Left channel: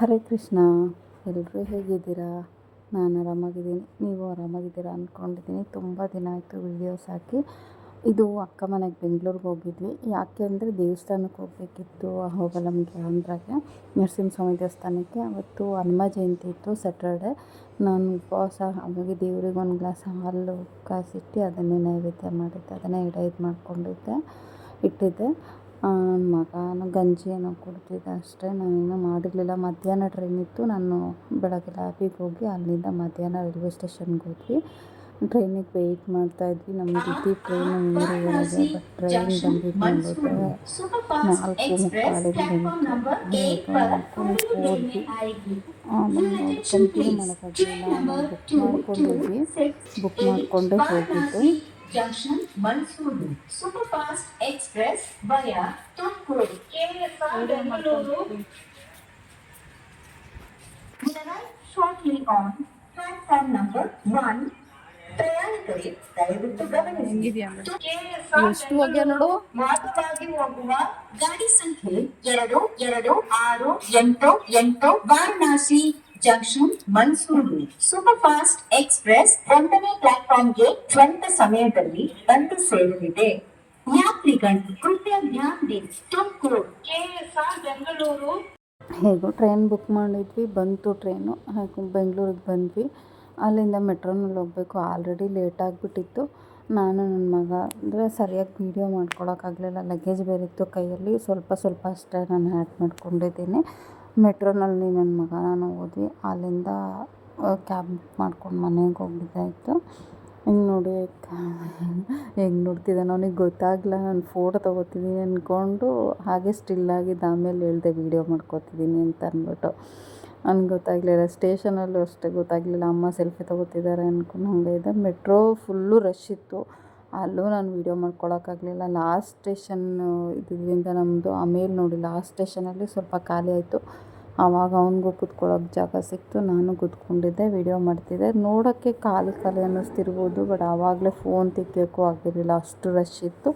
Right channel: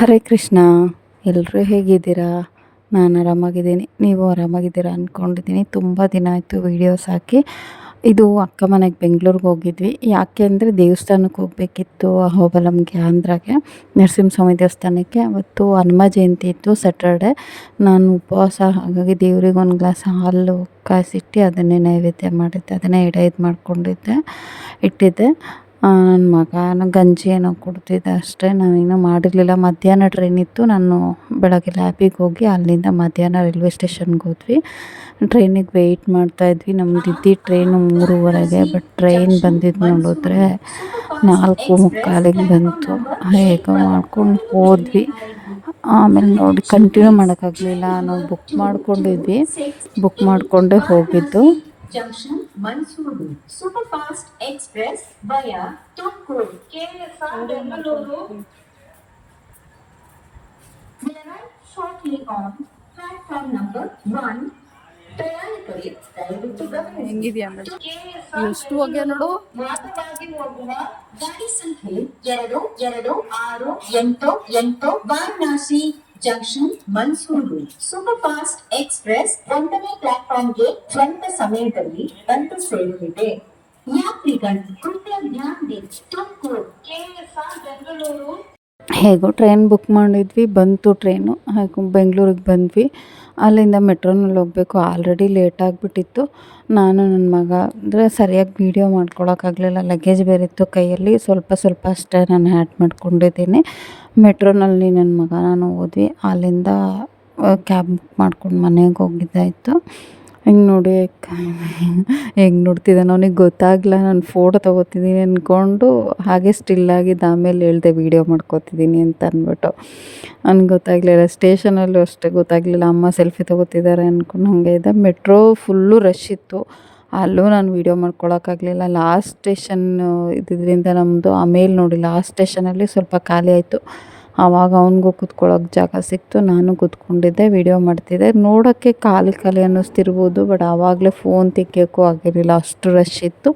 ಹರೇ ಕೃಷ್ಣ. ಎಲ್ಲರೂ ಹೇಗಿದ್ದೀರಾ? ನಾನು ಆರಾಮಾಗಿದ್ದೀನಿ. ನೀವು ಆರಾಮಾಗಿದ್ದೀರಾ ಅಂದ್ಕೊಂಡಿದ್ದೀನಿ. ತುಂಬ ದಿನ ಆಯಿತು ವೀಡಿಯೋಸ್ ಹಾಕಿ. ಇದು ಅಕ್ಕ ಮನೆಗೆ ಬೆಂಗಳೂರಿಗೆ ಹೋಗಿದ್ವಿ. ಯಾಕೆ ಅಂದರೆ ದೇವಸ್ಥಾನಕ್ಕೆ ಹೋಗಬೇಕಿತ್ತು, ಅಹೋಬಲಮ್ಗೆ, ಆಂಧ್ರಗೆ, ನರಸಿಂಹಸ್ವಾಮಿ ದೇವಸ್ಥಾನಕ್ಕೆ. ಅವತ್ತು ಹನುಮ ಜಯಂತಿ ಇತ್ತು, ಸ್ಯಾಟರ್ಡೆ. ನಾನು ಉಪವಾಸ, ಹಾಗಾಗಿ ದೇವ್ರಿಗೆ ಒಂದು ಗ್ಲಾಸ್ ಹಾಲು ಕಾಯಿಸಿಟ್ಟು ಅದನ್ನೇ ನೈವೇದ್ಯ ಮಾಡಿದ್ದೆ, ಅದನ್ನೇ ಇದು ಮಾಡ್ಕೊಂಡಿದ್ದೆ, ಇಟ್ಟಿದ್ದೆ. ನನ್ನ ಮಗ ಗಂಜಿ ಏನೋ ಕುಡ್ತಿದ್ದೆ ಅಷ್ಟೇ, ನಾವೇನೂ ಮಾಡಿರಲಿಲ್ಲ. ಮಧ್ಯಾಹ್ನ ಟ್ರೈನ್ ಇತ್ತು. ನಾನು ಬೆಳಗ್ಗೆ ಲ್ಯಾಬಿಗೆ ಹೋಗಿ ಅಲ್ಲಿಂದ ಮಧ್ಯಾಹ್ನ ರೈಲ್ವೆ ಸ್ಟೇಷನ್ಗೆ ಹೋದ್ವಿ. ಟ್ರೈನಿಗೆ ವೆಯ್ಟ್ ಮಾಡ್ತಾಯಿದ್ವಿ. ನಮ್ದು ಇದ್ದಿದ್ದು ಟ್ರೈನು 3:30ಗೆ. ಬಟ್ ಟ್ರೈನ್ ಬಂದಿದ್ದು ನೋಡಿದ್ರೆ 4:45ಗೆ ಬಂತು. ಹೇಗೋ ಮಾಡ್ಕೊಂಡು ಹೋದ್ವಿ. ಆಮೇಲೆ ನೋಡಿ ಕಂಟಿನ್ಯೂ ಮಾಡೋಕ್ಕಾಗಲಿಲ್ಲ. ನಾವು ಬುಕ್ ಮಾಡ್ಕೊಂಡಿದ್ವಿ, ಬುಕ್ ಮಾಡಿಕೊಂಡೇ ಹೋಗಿದ್ದು. Junction Mansuru Superfast Express via Tumkur KSR Bengaluru will arrive shortly on platform number 1. ಪ್ರಯಾಣಿಕರೇ ದಯವಿಟ್ಟು ಗಮನಿಸಿ. ಎಷ್ಟು ಹೋಗ್ಯ ನೋಡು. ಮಾರ್ಗವಾಗಿ ಹೋಗುವ ಗಾಡಿ ಸಂಖ್ಯೆ 226888 ವಾರಣಾಸಿ ಜಂಕ್ಷನ್ ಮನ್ಸೂರು ಸೂಪರ್ಫಾಸ್ಟ್ ಎಕ್ಸ್ಪ್ರೆಸ್ 1ನೇ ಪ್ಲಾಟ್ಫಾರ್ಮ್ಗೆ ಸ್ವಂತ ಸಮಯದಲ್ಲಿ ಬಂದು ಸೇರಲಿದೆ. ಯಾತ್ರಿಗಳು ಕೃಪಯ ಧ್ಯಾನ ದಿ ತುಮಕೂರು ಕೆಎಸ್ಆರ್ ಬೆಂಗಳೂರು. ಹೇಗೋ ಟ್ರೈನ್ ಬುಕ್ ಮಾಡಿದ್ವಿ, ಬಂತು ಟ್ರೈನು. ಹಾಗೂ ಬೆಂಗಳೂರಿಗೆ ಬಂದ್ವಿ. ಅಲ್ಲಿಂದ ಮೆಟ್ರೋನಲ್ಲಿ ಹೋಗಬೇಕು. ಆಲ್ರೆಡಿ ಲೇಟ್ ಆಗಿಬಿಟ್ಟಿತ್ತು. ನಾನು ನನ್ನ ಮಗ ಅಂದರೆ ಸರಿಯಾಗಿ ವೀಡಿಯೋ ಮಾಡ್ಕೊಳಕ್ಕಾಗಲಿಲ್ಲ, ಲಗೇಜ್ ಬೇರೆ ಇತ್ತು ಕೈಯಲ್ಲಿ. ಸ್ವಲ್ಪ ಅಷ್ಟೇ ನಾನು ಆ್ಯಡ್ ಮಾಡ್ಕೊಂಡಿದ್ದೀನಿ. ಮೆಟ್ರೋನಲ್ಲಿ ನನ್ನ ಮಗ ನಾನು ಹೋದ್ವಿ. ಅಲ್ಲಿಂದ ಕ್ಯಾಬ್ ಬುಕ್ ಮಾಡ್ಕೊಂಡು ಮನೆಗೆ ಹೋಗಿದ್ದಾಯಿತು. ಹಿಂಗೆ ನೋಡಿ ಹೆಂಗೆ ನೋಡ್ತಿದ್ದಾನೆ, ಅವನಿಗೆ ಗೊತ್ತಾಗಲ್ಲ ನಾನು ಫೋಟೋ ತೊಗೋತಿದ್ದೀನಿ ಅಂದ್ಕೊಂಡು ಹಾಗೆ ಸ್ಟಿಲ್ಲಾಗಿದ್ದು. ಆಮೇಲೆ ಹೇಳ್ದೆ ವೀಡಿಯೋ ಮಾಡ್ಕೋತಿದ್ದೀನಿ ಅಂತ ಅಂದ್ಬಿಟ್ಟು. ಅವ್ನಿಗೆ ಗೊತ್ತಾಗಲಿಲ್ಲ. ಸ್ಟೇಷನಲ್ಲೂ ಅಷ್ಟೇ ಗೊತ್ತಾಗಲಿಲ್ಲ, ಅಮ್ಮ ಸೆಲ್ಫಿ ತೊಗೋತಿದ್ದಾರೆ ಅಂದ್ಕೊಂಡು ಹಾಗೆ ಇದ್ದೆ. ಮೆಟ್ರೋ ಫುಲ್ಲು ರಶ್ ಇತ್ತು. ಅಲ್ಲೂ ನಾನು ವೀಡಿಯೋ ಮಾಡ್ಕೊಳಕ್ಕಾಗಲಿಲ್ಲ. ಲಾಸ್ಟ್ ಸ್ಟೇಷನ್ ಇದ್ದಿದ್ದರಿಂದ ನಮ್ಮದು. ಆಮೇಲೆ ನೋಡಿ ಲಾಸ್ಟ್ ಸ್ಟೇಷನಲ್ಲಿ ಸ್ವಲ್ಪ ಖಾಲಿ ಆಯಿತು. ಆವಾಗ ಅವ್ನಿಗೂ ಕೂತ್ಕೊಳ್ಳೋಕೆ ಜಾಗ ಸಿಕ್ತು. ನಾನು ಕೂತ್ಕೊಂಡಿದ್ದೆ, ವೀಡಿಯೋ ಮಾಡ್ತಿದ್ದೆ. ನೋಡೋಕ್ಕೆ ಖಾಲಿ ಅನ್ನಿಸ್ತಿರ್ಬೋದು, ಬಟ್ ಆವಾಗಲೇ ಫೋನ್ ತೆಗಿಯೋಕ್ಕೂ ಆಗಿರಲಿಲ್ಲ, ಅಷ್ಟು ರಶ್ ಇತ್ತು.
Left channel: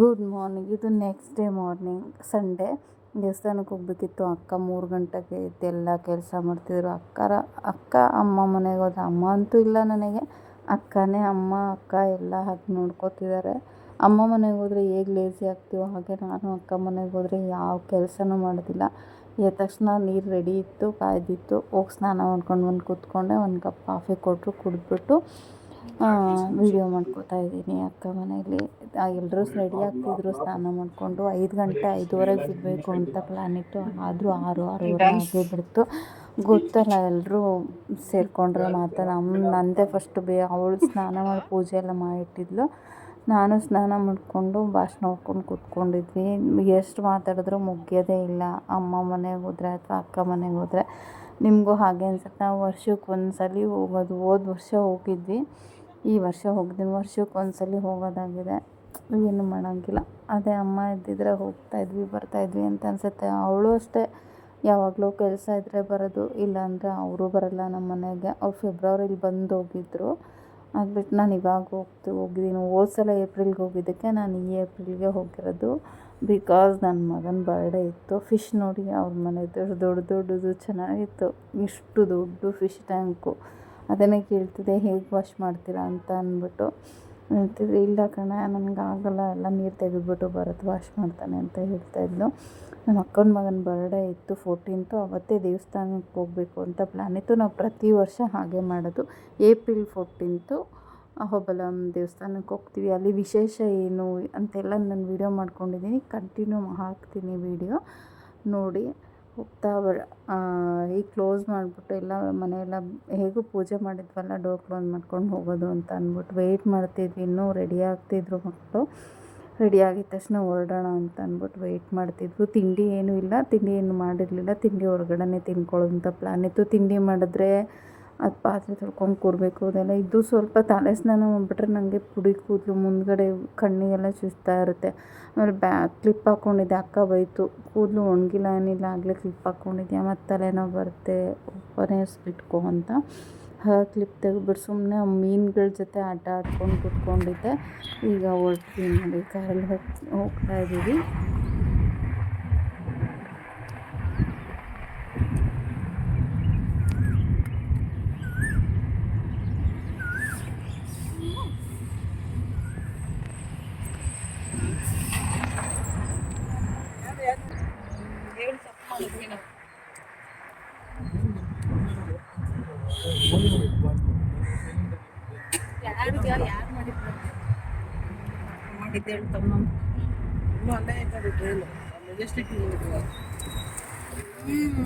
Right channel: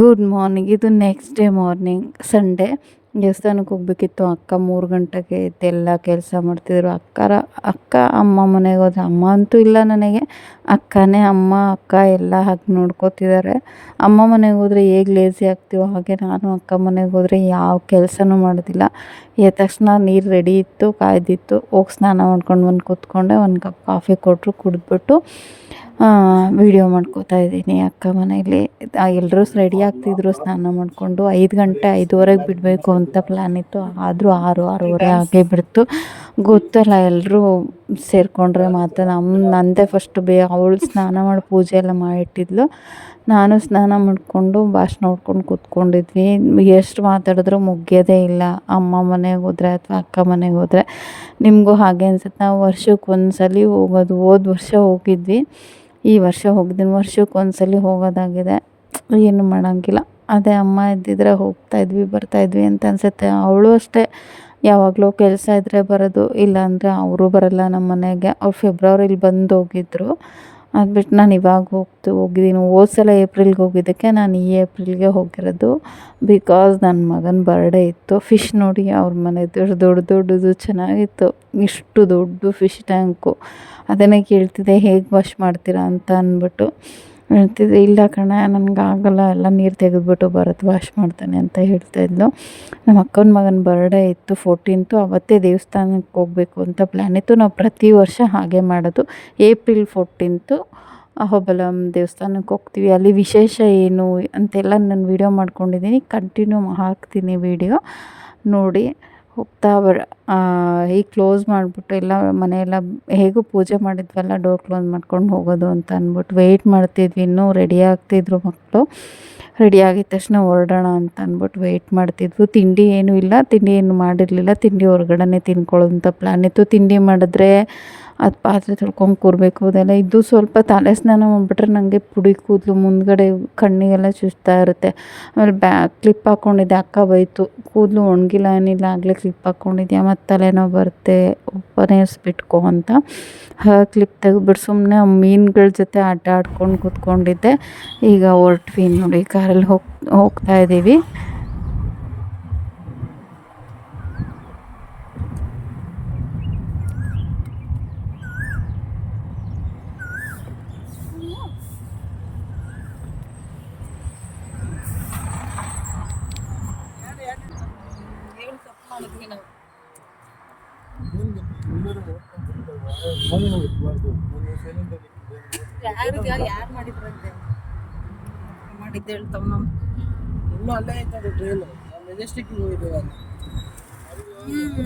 Good morning. ಇದು ನೆಕ್ಸ್ಟ್ ಡೇ ಮಾರ್ನಿಂಗ್, ಸಂಡೇ. ದೇವಸ್ಥಾನಕ್ಕೆ ಹೋಗ್ಬೇಕಿತ್ತು. ಅಕ್ಕ 3 ಗಂಟೆಗೆ ಎದ್ದೆಲ್ಲ ಕೆಲಸ ಮಾಡ್ತಿದ್ರು. ಅಕ್ಕ ಅಮ್ಮ ಮನೆಗೆ ಹೋದ್ರೆ, ಅಮ್ಮ ಅಂತೂ ಇಲ್ಲ ನನಗೆ, ಅಕ್ಕನೇ ಅಮ್ಮ ಅಕ್ಕ ಎಲ್ಲ ಹಾಗೆ ನೋಡ್ಕೋತಿದ್ದಾರೆ. ಅಮ್ಮ ಮನೆಗೆ ಹೋದರೆ ಹೇಗೆ ಲೇಸಿ ಆಗ್ತೀವೋ ಹಾಗೆ ನಾನು ಅಕ್ಕ ಮನೆಗೆ ಹೋದರೆ ಯಾವ ಕೆಲಸನೂ ಮಾಡೋದಿಲ್ಲ. ಎದ್ದ ತಕ್ಷಣ ನೀರು ರೆಡಿ ಇತ್ತು, ಕಾಯ್ದಿತ್ತು, ಹೋಗಿ ಸ್ನಾನ ಮಾಡ್ಕೊಂಡು ಬಂದು ಕೂತ್ಕೊಂಡೆ. ಒಂದು ಕಪ್ ಕಾಫಿ ಕೊಟ್ಟರು, ಕುಡಿದ್ಬಿಟ್ಟು ವೀಡಿಯೋ ಮಾಡ್ಕೋತಾ ಇದ್ದೀನಿ ಅಕ್ಕ ಮನೇಲಿ. ಎಲ್ಲರೂ ರೆಡಿ ಆಗ್ತಿದ್ರು ಸ್ನಾನ ಮಾಡಿಕೊಂಡು. 5 ಗಂಟೆ 5:30ಗೆ ಬಿಡಬೇಕು ಅಂತ ಪ್ಲ್ಯಾನ್ ಇತ್ತು. ಆದರೂ 6:30 ಆಗೇ ಬಿಡ್ತು. ಗೊತ್ತಲ್ಲ, ಎಲ್ಲರೂ ಸೇರಿಕೊಂಡ್ರೆ ಮಾತ್ರ. ನಂದೇ ಫಸ್ಟ್ ಅವಳು ಸ್ನಾನ ಮಾಡಿ ಪೂಜೆ ಎಲ್ಲ ಮಾಡಿಟ್ಟಿದ್ಲು. ನಾನು ಸ್ನಾನ ಮಾಡಿಕೊಂಡು ಭಾಷಣ ನೋಡ್ಕೊಂಡು ಕೂತ್ಕೊಂಡಿದ್ವಿ. ಎಷ್ಟು ಮಾತಾಡಿದ್ರೂ ಮುಗಿಯೋದೇ ಇಲ್ಲ. ಅಮ್ಮ ಮನೆಗೆ ಹೋದರೆ ಅಥವಾ ಅಕ್ಕ ಮನೆಗೆ ಹೋದರೆ ನಿಮಗೂ ಹಾಗೆ ಅನ್ಸುತ್ತೆ. ನಾವು ವರ್ಷಕ್ಕೆ ಒಂದ್ಸಲ ಹೋಗೋದು. ಹೋದ ವರ್ಷ ಹೋಗಿದ್ವಿ, ಈ ವರ್ಷ ಹೋಗಿದ್ದೀನಿ. ವರ್ಷಕ್ಕೆ ಒಂದ್ಸಲ ಹೋಗೋದಾಗಿದೆ, ಏನು ಮಾಡೋಂಗಿಲ್ಲ. ಅದೇ ಅಮ್ಮ ಇದ್ದಿದ್ರೆ ಹೋಗ್ತಾಯಿದ್ವಿ ಬರ್ತಾಯಿದ್ವಿ ಅಂತ ಅನಿಸುತ್ತೆ. ಅವಳು ಅಷ್ಟೇ, ಯಾವಾಗಲೂ ಕೆಲಸ ಇದ್ದರೆ ಬರೋದು, ಇಲ್ಲಾಂದರೆ ಅವರು ಬರೋಲ್ಲ ನಮ್ಮ ಮನೆಗೆ. ಅವ್ರು ಫೆಬ್ರವರಿಲಿ ಬಂದು ಹೋಗಿದ್ದರು. ಅದು ಬಿಟ್ಟು ನಾನು ಇವಾಗ ಹೋಗಿದ್ದೀನಿ. ಹೋದ ಸಲ ಏಪ್ರಿಲ್ಗೆ ಹೋಗಿದ್ದಕ್ಕೆ ನಾನು ಈ ಏಪ್ರಿಲ್ಗೆ ಹೋಗಿರೋದು. ಬಿಕಾಸ್ ನನ್ನ ಮಗನ ಬರ್ಡೇ ಇತ್ತು. ಫಿಶ್ ನೋಡಿ ಅವ್ರ ಮನೆದು ದೊಡ್ಡದು ಚೆನ್ನಾಗಿತ್ತು. ಇಷ್ಟು ದೊಡ್ಡ ಫಿಶ್ ಟ್ಯಾಂಕು. ಅದನ್ನೇ ಕೇಳ್ತಿದ್ದೆ ಹೇಗೆ ವಾಶ್ ಮಾಡ್ತೀರಾ ಅಂತ ಅಂದ್ಬಿಟ್ಟು. ಹೇಳ್ತಿದ್ದೆ ಇಲ್ಲ ಕಣೆ ನನಗಾಗಲ್ಲ, ಎಲ್ಲ ನೀರು ತೆಗೆದ್ಬಿಟ್ಟು ಭರತ್ ವಾಶ್ ಮಾಡ್ತಾನೆ ಅಂತ ಹೇಳ್ತಾಯಿದ್ಲು. ನಮ್ಮ ಅಕ್ಕನ ಮಗನ ಬರ್ಡೇ ಇತ್ತು 14th. ಅವತ್ತೇ ದೇವಸ್ಥಾನಕ್ಕೆ ಹೋಗಬೇಕು ಅಂತ ಪ್ಲ್ಯಾನ್ ಇತ್ತು. ನಾವು ಪ್ರತಿ ವರ್ಷ ಹಾಗೆ ಮಾಡೋದು. ಏಪ್ರಿಲ್ 14th ಅಹೋಬಲಂ ದೇವಸ್ಥಾನಕ್ಕೆ ಹೋಗ್ತೀವಿ. ಅಲ್ಲಿ ವಿಶೇಷ ಏನು ಅಂತೆಲ್ಲ ನಾನು ವೀಡಿಯೋ ಮಾಡ್ಕೊಂಡಿದ್ದೀನಿ, ಕಂಟಿನ್ಯೂ ಹಾಕ್ತೀನಿ ವೀಡಿಯೋ ನೋಡಿ. ಹೋಗ್ತಾ ಈಗ ಕ್ಲೋಸ್ ಮಾಡಿಬಿಟ್ಟು ಎಲ್ಲ ಮನೆಯೆಲ್ಲ ಹೇಗೂ ಪೂಜೆ ಮಾಡಿದ್ವಲ್ಲ, ಡೋರ್ ಕ್ಲೋಸ್ ಮಾಡ್ಕೊಂಡು ಹೋಗೋದು ಅಂತ ಅಂದ್ಬಿಟ್ಟು ವೆಯ್ಟ್ ಮಾಡ್ತಿದ್ವಿ. ಇನ್ನೂ ರೆಡಿ ಆಗ್ತಿದ್ರು ಮಕ್ಕಳು. ರೆಡಿ ಆಗಿದ ತಕ್ಷಣ ಹೊರಡೋಣ ಅಂತ ಅಂದ್ಬಿಟ್ಟು ವೆಯ್ಟ್ ಮಾಡ್ತಿದ್ವು. ತಿಂಡಿ ಏನೂ ಇಲ್ಲ, ತಿಂಡಿ ಏನು ಮಾಡಿರಲಿಲ್ಲ. ತಿಂಡಿ ಹೊರಗಡೆನೇ ತಿನ್ಕೊಳ್ಳೋ ಅಂತ ಪ್ಲ್ಯಾನ್ ಇತ್ತು. ತಿಂಡಿ ಮಾಡಿದ್ರೆ ಅದು ಪಾತ್ರೆ ತೊಳ್ಕೊಂಡು ಕೂರಬೇಕು, ಅದೆಲ್ಲ ಇದು. ಸ್ವಲ್ಪ ತಲೆ ಸ್ನಾನ ಮಾಡಿಬಿಟ್ರೆ ನನಗೆ ಪುಡಿ ಕೂದಲು ಮುಂದ್ಗಡೆ ಕಣ್ಣಿಗೆಲ್ಲ ಚುಚ್ತಾ ಇರುತ್ತೆ. ಆಮೇಲೆ ಕ್ಲಿಪ್ ಹಾಕ್ಕೊಂಡಿದ್ದೆ. ಅಕ್ಕ ಬೈತು, ಕೂದಲು ಒಣಗಿಲ್ಲ ಏನಿಲ್ಲ, ಆಗಲೇ ಕ್ಲಿಪ್ ಹಾಕ್ಕೊಂಡಿದ್ಯಾ, ಮತ್ತು ತಲೆನೋವು ಬರುತ್ತೆ, ಒಪ್ಪನೇರಿಸ್ಬಿಟ್ಕೋ ಅಂತ. ಕ್ಲಿಪ್ ತೆಗೆದ್ಬಿಟ್ಟು ಸುಮ್ಮನೆ ಮೀನುಗಳ ಜೊತೆ ಆಟ ಆಡ್ಕೊಂಡು ಕೂತ್ಕೊಂಡಿದ್ದೆ. ಈಗ ಹೊರಟ್ವಿ ನೋಡಿ, ಕಾರಲ್ಲಿ ಹೋಗ್ತಾ ಇದ್ದೀವಿ. ಯಾರು ಮಾಡಿದ್ರು ಮಾಡಿದ್ದು ಹೇಳ್ತಾವ ನಾವು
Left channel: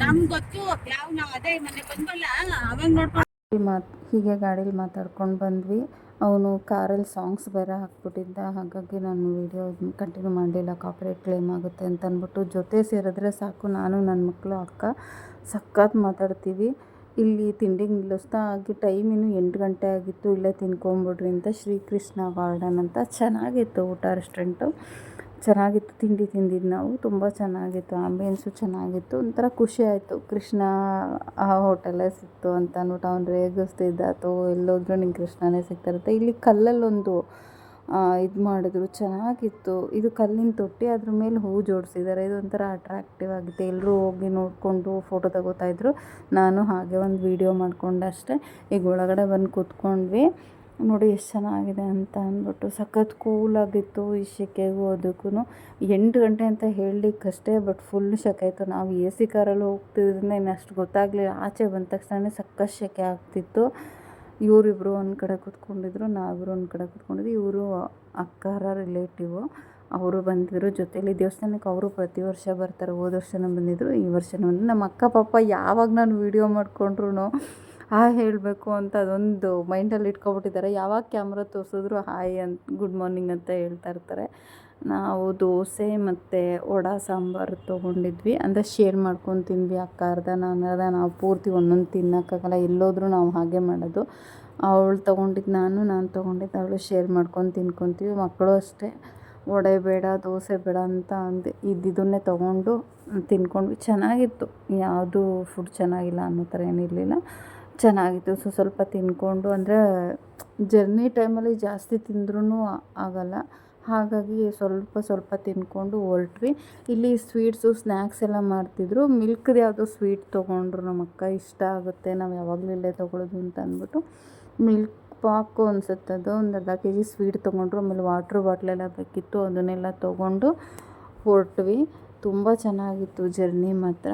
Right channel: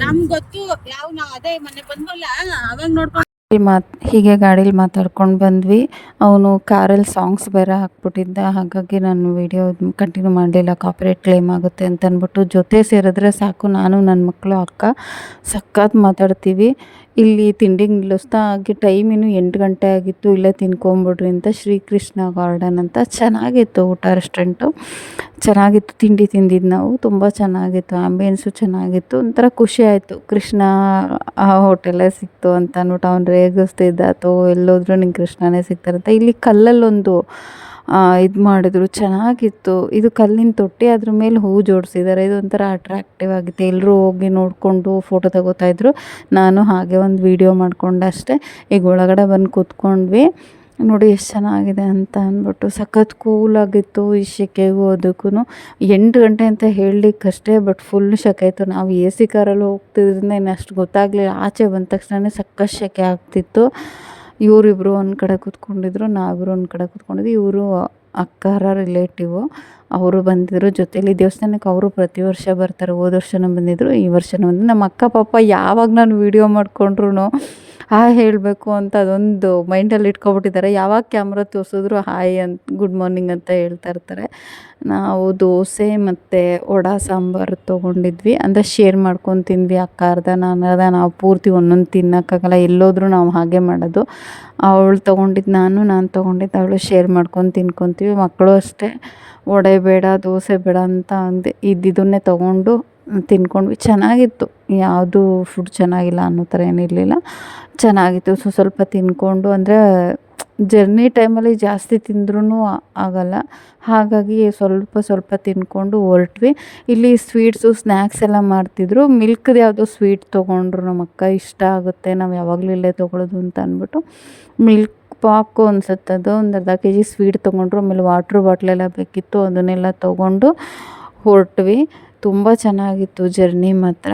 ನಮ್ಗೆ ಗೊತ್ತು ಯಾವ ನಾವು ಅದೇ ಮನೆ ಬಂದ್ವಲ್ಲ ಅವಾಗ ನೋಡ್ಕೊಂಡು ಹೀಗೆ ಗಾಡೀಲಿ ಮಾತಾಡ್ಕೊಂಡು ಬಂದ್ವಿ. ಅವನು ಕಾರಲ್ಲಿ ಸಾಂಗ್ಸ್ ಬೇರೆ ಹಾಕ್ಬಿಟ್ಟಿದ್ದ, ಹಾಗಾಗಿ ನಾನು ವೀಡಿಯೋ ಕಂಟಿನ್ಯೂ ಮಾಡಲಿಲ್ಲ, ಕಾಪಿರೈಟ್ ಕ್ಲೇಮ್ ಆಗುತ್ತೆ ಅಂತ ಅಂದ್ಬಿಟ್ಟು. ಜೊತೆ ಸೇರಿದ್ರೆ ಸಾಕು, ನಾನು ನನ್ನ ಮಕ್ಕಳು ಅಕ್ಕ ಸಖತ್ ಮಾತಾಡ್ತೀವಿ. ಇಲ್ಲಿ ತಿಂಡಿಗೆ ನಿಲ್ಲಿಸ್ತಾ ಹಾಗೆ ಟೈಮ್ ಇನ್ನೂ 8 ಗಂಟೆ ಆಗಿತ್ತು. ಇಲ್ಲೇ ತಿನ್ಕೊಂಬಿಡ್ರಿ ಅಂತ ಶ್ರೀಕೃಷ್ಣ ಗಾರ್ಡನ್ ಅಂತ ಚೆನ್ನಾಗಿತ್ತು ಊಟ, ರೆಸ್ಟೋರೆಂಟು ಚೆನ್ನಾಗಿತ್ತು. ತಿಂಡಿ ತಿಂದಿದ್ದು ನಾವು, ತುಂಬ ಚೆನ್ನಾಗಿತ್ತು, ಆ್ಯಂಬಿಯನ್ಸು ಚೆನ್ನಾಗಿತ್ತು. ಒಂಥರ ಖುಷಿ ಆಯಿತು, ಕೃಷ್ಣ ಹೋಟೆಲೇ ಸಿಕ್ತು ಅಂತ ಅಂದ್ಬಿಟ್ಟು ಅವ್ನು ರೇಗಿಸ್ತಿದ್ದ, ಅಥವಾ ಎಲ್ಲೋದ್ರೂ ನಿಂಗೆ ಕೃಷ್ಣನೇ ಸಿಗ್ತಾರಂತ. ಇಲ್ಲಿ ಕಲ್ಲಲ್ಲೊಂದು ಇದು ಮಾಡಿದ್ರು, ಚೆನ್ನಾಗಿತ್ತು. ಇದು ಕಲ್ಲಿನ ತೊಟ್ಟಿ, ಅದ್ರ ಮೇಲೆ ಹೂವು ಜೋಡಿಸಿದ್ದಾರೆ. ಇದೊಂಥರ ಅಟ್ರಾಕ್ಟಿವ್ ಆಗಿತ್ತು. ಎಲ್ಲರೂ ಹೋಗಿ ನೋಡಿಕೊಂಡು ಫೋಟೋ ತಗೋತಾಯಿದ್ರು. ನಾನು ಹಾಗೆ ಒಂದು ವೀಡಿಯೋ ಮಾಡಿಕೊಂಡೆ ಅಷ್ಟೇ. ಈಗ ಒಳಗಡೆ ಬಂದು ಕೂತ್ಕೊಂಡ್ವಿ. ನೋಡಿ ಎಷ್ಟು ಚೆನ್ನಾಗಿದೆ ಅಂತ ಅಂದ್ಬಿಟ್ಟು. ಸಖತ್ ಕೂಲಾಗಿತ್ತು ಈ ಸೆಕೆಗೂ ಅದಕ್ಕೂ. 8 ಗಂಟೆ ಅಂತ ಹೇಳಲಿಕ್ಕಷ್ಟೇ, ಬಟ್ ಫುಲ್ ಸೆಕೆ ಇತ್ತು. ನಾವು ಎ ಸಿ ಕಾರಲ್ಲಿ ಹೋಗ್ತಿದ್ರಿಂದ ಇನ್ನು ಅಷ್ಟು ಗೊತ್ತಾಗಲಿಲ್ಲ. ಆಚೆ ಬಂದ ತಕ್ಷಣ ಸಖತ್ ಸೆಕೆ ಆಗ್ತಿತ್ತು. ಇವರಿಬ್ಬರು ಒಂದು ಕಡೆ ಕೂತ್ಕೊಂಡಿದ್ರು, ನಾವಿಬ್ಬರು ಒಂದು ಕಡೆ ಕೂತ್ಕೊಂಡಿದ್ವಿ. ಇವರು ಅಕ್ಕರ ರಿಲೇಟಿವು, ಅವರು ಬಂದಿದ್ದರು ಜೊತೇಲಿ ದೇವಸ್ಥಾನಕ್ಕೆ. ಅವರು ಪ್ರತಿ ವರ್ಷ ಬರ್ತಾರೆ, ಹೋದ ವರ್ಷನೂ ಬಂದಿದ್ದರು, ಈ ವರ್ಷನೂ ಬಂದು. ನಮ್ಮ ಅಕ್ಕ ಪಾಪ ಯಾವಾಗ ನಾನು ವೀಡಿಯೋ ಮಾಡಿಕೊಂಡ್ರು ಹಾಯ್ ಹೇಳಬೇಕು ಅಂತ ಅದೊಂದು ಮೈಂಡಲ್ಲಿ ಇಟ್ಕೊಬಿಟ್ಟಿದ್ದಾರೆ. ಯಾವಾಗ ಕ್ಯಾಮ್ರಾ ತೋರಿಸಿದ್ರು ಹಾಯ್ ಅಂತ, ಗುಡ್ ಮಾರ್ನಿಂಗ್ ಅಂತ ಹೇಳ್ತಾ ಇರ್ತಾರೆ. ನಾವು ದೋಸೆ ಮತ್ತು ವಡೆ ಸಾಂಬಾರು ತೊಗೊಂಡಿದ್ವಿ, ಅಂದರೆ ಶೇರ್ ಮಾಡ್ಕೊಂಡು ತಿಂದ್ವಿ. ಅಕ್ಕ ಅರ್ಧ, ನಾನು ಅರ್ಧ. ನಾವು ಪೂರ್ತಿ ಒಂದೊಂದು ತಿನ್ನೋಕ್ಕಾಗಲ್ಲ, ಎಲ್ಲೋದ್ರೂ ನಾವು ಹಾಗೆ ಮಾಡೋದು. ಅವಳು ತೊಗೊಂಡಿದ್ದು ನಾನು ತೊಗೊಂಡಿದ್ದು ಅವಳು, ಶೇರ್ ಮಾಡ್ಕೊಂಡು ತಿನ್ಕೊತೀವಿ. ಮಕ್ಕಳು ಅಷ್ಟೇ, ವಡೆ ಬೇಡ ದೋಸೆ ಬೇಡ ಅಂತ ಅಂದೆ, ಇದನ್ನೇ ತೊಗೊಂಡು ತಿನ್ಕೊಂಡ್ವಿ. ಚೆನ್ನಾಗಿತ್ತು, ಯಾವುದು ಫುಡ್ ಚೆನ್ನಾಗಿಲ್ಲ ಅನ್ನೋ ಥರ ಏನಿರಲಿಲ್ಲ, ಚೆನ್ನಾಗಿತ್ತು. ಸ್ವಲ್ಪ ತಿಂದ್ಕೊಂಡು, ಅಂದರೆ ಜರ್ನಿ ಟೈಮಲ್ಲಿ ಜಾಸ್ತಿ ತಿಂದ್ರೂ ಆಗಲ್ಲ, ಹಾಗಾಗಿ ಸ್ವಲ್ಪ ತಿಂದ್ಕೊಂಡು ಹೊರಟ್ವಿ. ಇಲ್ಲಿ ಸ್ವೀಟ್ಸು ಸ್ನ್ಯಾಕ್ಸ್ ಎಲ್ಲ ಮಾಡ್ತಿದ್ರು. ಮಿಲ್ಕ್ದು ಯಾವುದೋ ಸ್ವೀಟ್ ತೊಗೊಂಡ್ರು ನಮ್ಮ ಅಕ್ಕ, ಇಷ್ಟ ಆಗುತ್ತೆ, ನಾವು ಯಾವಾಗಲೂ ಇಲ್ಲೇ ತೊಗೊಳೋದು ಅಂತ ಅಂದ್ಬಿಟ್ಟು. ಮಿಲ್ಕ್ ಪಾಕು ಅನ್ಸುತ್ತೆ ಅದು, ಒಂದು ಅರ್ಧ kg ಸ್ವೀಟ್ ತೊಗೊಂಡ್ರು. ಆಮೇಲೆ ವಾಟ್ರ್ ಬಾಟ್ಲೆಲ್ಲ ಬೇಕಿತ್ತು, ಅದನ್ನೆಲ್ಲ ತೊಗೊಂಡು ಹೊರಟ್ವಿ. ತುಂಬ ಚೆನ್ನಾಗಿತ್ತು ಜರ್ನಿ ಮಾತ್ರ.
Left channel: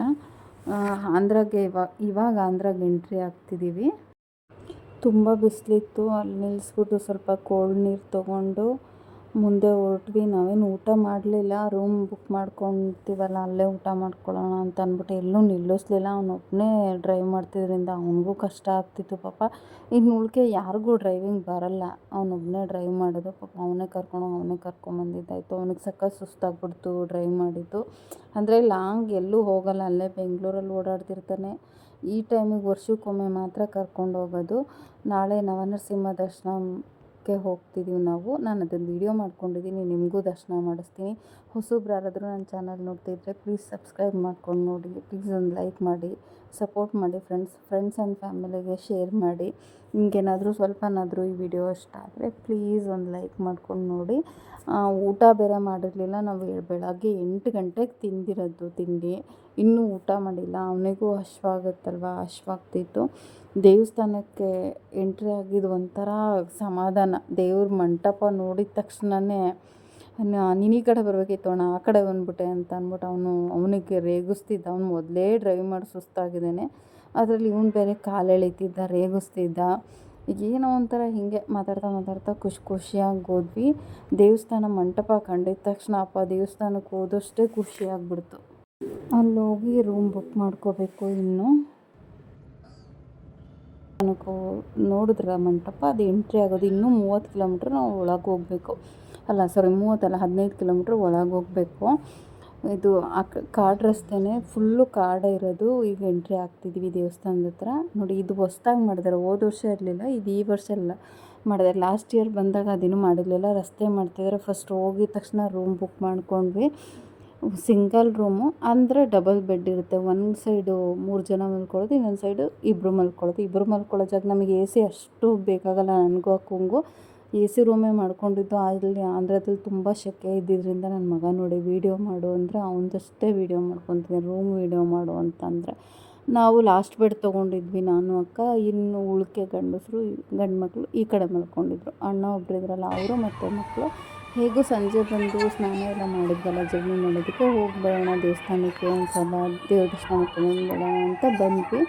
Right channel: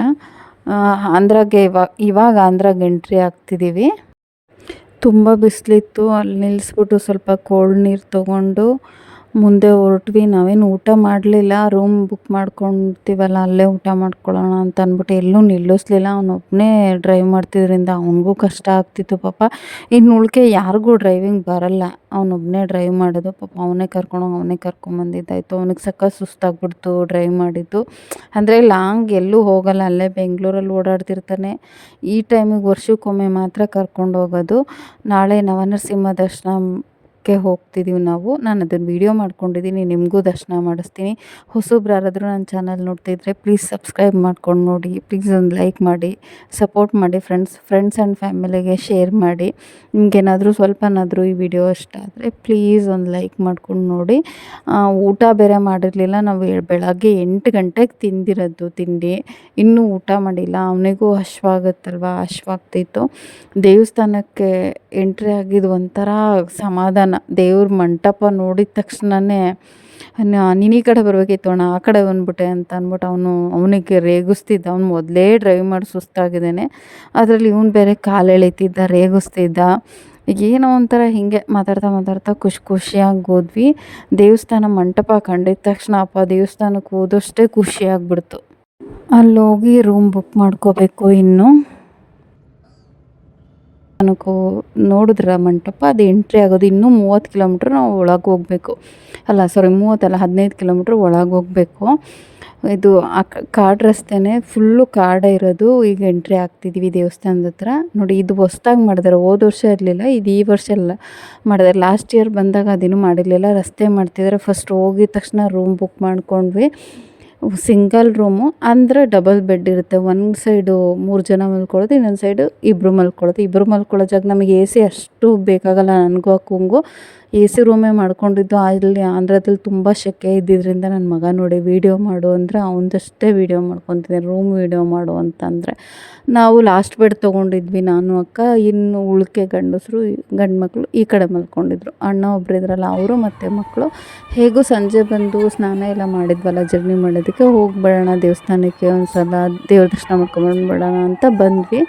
ಆಂಧ್ರಾಗೆ ಇವಾಗ ಆಂಧ್ರಾಗೆ ಎಂಟ್ರಿ ಆಗ್ತಿದ್ದೀವಿ. ತುಂಬ ಬಿಸಿಲಿತ್ತು. ಅಲ್ಲಿ ನಿಲ್ಲಿಸ್ಬಿಟ್ಟು ಸ್ವಲ್ಪ ಕೋಲ್ಡ್ ನೀರು ತೊಗೊಂಡು ಮುಂದೆ ಹೊರಟ್ವಿ. ನಾವೇನು ಊಟ ಮಾಡಲಿಲ್ಲ, ರೂಮ್ ಬುಕ್ ಮಾಡ್ಕೊತೀವಲ್ಲ ಅಲ್ಲೇ ಊಟ ಮಾಡ್ಕೊಳ್ಳೋಣ ಅಂತ ಅಂದ್ಬಿಟ್ಟು ಎಲ್ಲೂ ನಿಲ್ಲಿಸ್ಲಿಲ್ಲ. ಅವನೊಬ್ಬನೇ ಡ್ರೈವ್ ಮಾಡ್ತಿದ್ರಿಂದ ಅವನಿಗೂ ಕಷ್ಟ ಆಗ್ತಿತ್ತು ಪಾಪ. ಇನ್ನು ಉಳ್ಕೆ ಯಾರಿಗೂ ಡ್ರೈವಿಂಗ್ ಬರಲ್ಲ, ಅವನೊಬ್ಬನೇ ಡ್ರೈವ್ ಮಾಡೋದು. ಪಾಪ ಅವನೇ ಕರ್ಕೊಂಡೋಗಿ ಅವನೇ ಕರ್ಕೊಂಬಂದಿದ್ದಾಯಿತು. ಅವನಿಗೆ ಸಖತ್ ಸುಸ್ತಾಗ್ಬಿಡ್ತು ಡ್ರೈವ್ ಮಾಡಿದ್ದು. ಅಂದರೆ ಲಾಂಗ್ ಎಲ್ಲೂ ಹೋಗಲ್ಲ, ಅಲ್ಲೇ ಬೆಂಗಳೂರಲ್ಲಿ ಓಡಾಡ್ತಿರ್ತಾನೆ. ಈ ಟೈಮಿಗೆ ವರ್ಷಕ್ಕೊಮ್ಮೆ ಮಾತ್ರ ಕರ್ಕೊಂಡು ಹೋಗೋದು. ನಾಳೆ ನವನರಸಿಂಹ ದರ್ಶನಕ್ಕೆ ಹೋಗ್ತಿದ್ದೀವಿ ನಾವು. ನಾನು ಅದನ್ನು ವೀಡಿಯೋ ಮಾಡ್ಕೊಂಡಿದ್ದೀನಿ, ನಿಮಗೂ ದರ್ಶನ ಮಾಡಿಸ್ತೀನಿ. ಹೊಸಬ್ರು ಯಾರಾದರೂ ನನ್ನ ಚಾನಲ್ ನೋಡ್ತಿದ್ರೆ ಪ್ಲೀಸ್ ಸಬ್ಸ್ಕ್ರೈಬ್ ಮಾಡ್ಕೊಂಡು ನೋಡಿ. ಪ್ಲೀಸ್ ಒಂದು ಲೈಕ್ ಮಾಡಿ, ಸಪೋರ್ಟ್ ಮಾಡಿ. ಫ್ರೆಂಡ್ಸ್ ಆ್ಯಂಡ್ ಫ್ಯಾಮಿಲಿಗೆ ಶೇರ್ ಮಾಡಿ. ನಿಮಗೇನಾದರೂ ಸ್ವಲ್ಪನಾದರೂ ಈ ವಿಡಿಯೋ ಇಷ್ಟ ಆದರೆ ಪ್ಲೀಸ್ ಒಂದು ಲೈಕ್ ಮಾಡ್ಕೊಂಡು ನೋಡಿ. ಊಟ ಬೇರೆ ಮಾಡಿರಲಿಲ್ಲ, ನಾವು ಬೆಳಗ್ಗೆ 8 ಗಂಟೆಗೆ ತಿಂದಿರೋದು ತಿಂಡಿ, ಇನ್ನೂ ಊಟ ಮಾಡಿಲ್ಲ. ಅವನಿಗೂ ಹಶ್ವಾಗ್ತಿತ್ತು. ದೇವಸ್ಥಾನಕ್ಕೆ ಎಂಟ್ರಿ ಆಗಿದ್ದು ಒಂಥರ ಸಮಾಧಾನ. ದೇವ್ರ ಮಂಟಪ ನೋಡಿದ ತಕ್ಷಣವೇ ನೀನು ಈ ಕಡೆ ಬರಬೇಕಿತ್ತು ಅಣ್ಣ, ಆ ಕಡೆ ಬಂದ್ಬಿಟ್ಟೆ ಅಂತ ಅಂದ್ಬಿಟ್ಟು ಅವನಿಗೆ ರೇಗಿಸ್ತಿದ್ದ. ಅವ್ನು ಮೊದಲೇ ಡ್ರೈವ್ ಮಾಡಿ ಸುಸ್ತಾಗಿದ್ದಾನೆ, ಅದರಲ್ಲಿ ಇವನು ಬೇರೆ ಕಾಲು ಎಳಿತಿದ್ದ, ರೇಗಿಸ್ತಿದ್ದ. ಏನೋ ಒಂಥರ ಹೀಗೆ ಮಾತಾಡ್ತಾ ಖುಷಿಯಾಗಿ ಹೋದ್ವಿ. ದೇವಸ್ಥಾನ ಮಂಟಪ ಕಂಡಿದ ತಕ್ಷಣ ದೇವಸ್ಥಾನಕ್ಕೆ ಹೋದಷ್ಟೇ ಖುಷಿಯಾಗ್ಬಿಡ್ತು. ಅಲ್ಲೋಗಿ ರೂಮ್ ಬುಕ್ ಮಾಡ್ಕೋಬೇಕು. ಇನ್ನು ನನಗೂ ನೋಡಿದ್ರ ಮಂಟಪ, ಅದು ಎಂಟ್ರಿ ಆಗೋದು ಇನ್ನೂ 30 ಕಿಲೋಮೀಟ್ರ್ ನಾವು ಒಳಗೆ ಹೋಗಬೇಕು. 15 ಕಿಲೋಮೀಟ್ರ್ ಒಳಗೆ ಹೋಗಬೇಕು. ಇದು ಕಾಡು ರಸ್ತೆನೇ, ಫುಲ್ಲು ಕಾಡೇ ಇರೋದು. ಈಗ ಎಂಟ್ರಿ ಆಗ್ತಿದ್ದೀವಿ ದೇವಸ್ಥಾನದ ಹತ್ರ. ನೋಡಿ, ಇದು ಹೊಸ್ದಾಗಿ ಮಾಡಿದ್ದಾರೆ, ಹೋದ ವರ್ಷ ಇರಲಿಲ್ಲ, ಇದು ಈ ವರ್ಷ ಎಲ್ಲ ಮಾಡಿದ್ದಾರೆ. ಲಾಸ್ಟ್ ಇಯರ್ ಬಂದಾಗ ಅದೇನು ಮಾಡಿರಲಿಲ್ಲ, ರಸ್ತೆ ಮಾಡ್ತಿದ್ದಾರೆ. ಫಸ್ಟ್ ಹೋಗಿದ ತಕ್ಷಣ ರೂಮ್ ಬುಕ್ ಮಾಡ್ಕೊಂಡ್ವಿ. ಸಿಂಗಲ್ ರೂಮು ಅಂದರೆ ಡಬಲ್ ಬೆಡ್ ಇರುತ್ತೆ. ಒಂದು ಸೈಡು 3 ಜನ ಮಲ್ಕೊಳ್ಳೋದು, ಇನ್ನೊಂದು ಸೈಡು ಇಬ್ಬರು ಮಲ್ಕೊಳ್ಳೋ ಜಾಗ. ನಮಗೆ AC ಅಷ್ಟು ಬೇಕಾಗಲ್ಲ, ನನಗೂ ಅಕ್ಕಂಗೂ ಎ ಸಿ ರೂಮೇ ಮಾಡ್ಕೊಂಡಿದ್ದು. ಅಲ್ಲಿ ಆಂಧ್ರದಲ್ಲಿ ತುಂಬ ಸೆಕೆ ಇದ್ದಿದ್ದರಿಂದ ನನ್ನ ಮಗ ನೋಡಿ ವೀಡಿಯೋ ಮಾಡು ಅಂದರೆ ಅವನದಷ್ಟೇ ವೀಡಿಯೋ ಮಾಡ್ಕೊತಿದ್ದಾನೆ, ರೂಮ್ ವೀಡಿಯೋ ಮಾಡು ಅಂತಂದರೆ. ನಾವು ಲಾಸ್ಟ್ ಬೆಡ್ ತೊಗೊಂಡಿದ್ವಿ ನಾನು ಅಕ್ಕ, ಇನ್ನು ಉಳ್ಕೆ ಗಂಡು ಮಕ್ಕಳು ಈ ಕಡೆ ಮಲ್ಕೊಂಡಿದ್ರು. ಅಣ್ಣ ಒಬ್ರು ಇದ್ರಲ್ಲ ಅವರು ಮತ್ತು ಮಕ್ಕಳು. ಹೇಗೂ ಸಂಜೆ ಬಂದು ಸ್ನಾನ ಎಲ್ಲ ಮಾಡಿದ್ವಲ್ಲ ಜರ್ನಿ ಮಾಡೋದಕ್ಕೆ, ಹೋಗ್ಬಿಡೋಣ ದೇವಸ್ಥಾನಕ್ಕೆ ಒಂದು ಸಲ ದೇವ್ರ ದರ್ಶನ ಮಾಡ್ಕೊಂಬಂದ್ಬಿಡೋಣ ಅಂತ ಬಂದ್ವಿ.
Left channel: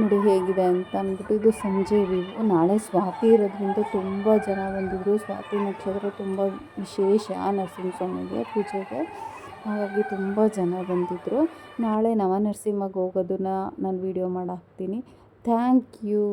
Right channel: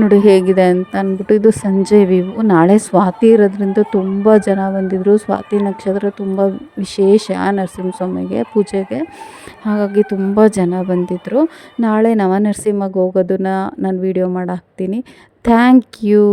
ನೋಡಿ ಹೇಗಿದೆ ಅಂತ ಅಂದ್ಬಿಟ್ಟು. ಇದು ಸಂಜೆ ವ್ಯೂ. ನಾಳೆ ಸ್ವಾತಿ ಇರೋದ್ರಿಂದ ತುಂಬ ಜನ ಬಂದಿದ್ದರು. ಸ್ವಾತಿ ನಕ್ಷತ್ರ ತುಂಬ ವಿಶೇಷ ನರಸಿಂಹಸ್ವಾಮಿಗೆ ಪೂಜೆಗೆ, ಹಾಗಾಗಿ ತುಂಬ ಜನ ಬಂದಿದ್ದರು. ನಾಳೆ ನವನರಸಿಂಹಗೆ ಹೋಗೋದನ್ನು ನಾನು ವೀಡಿಯೋ ಮಾಡಿ ಹಾಕ್ತೀನಿ. Thank you.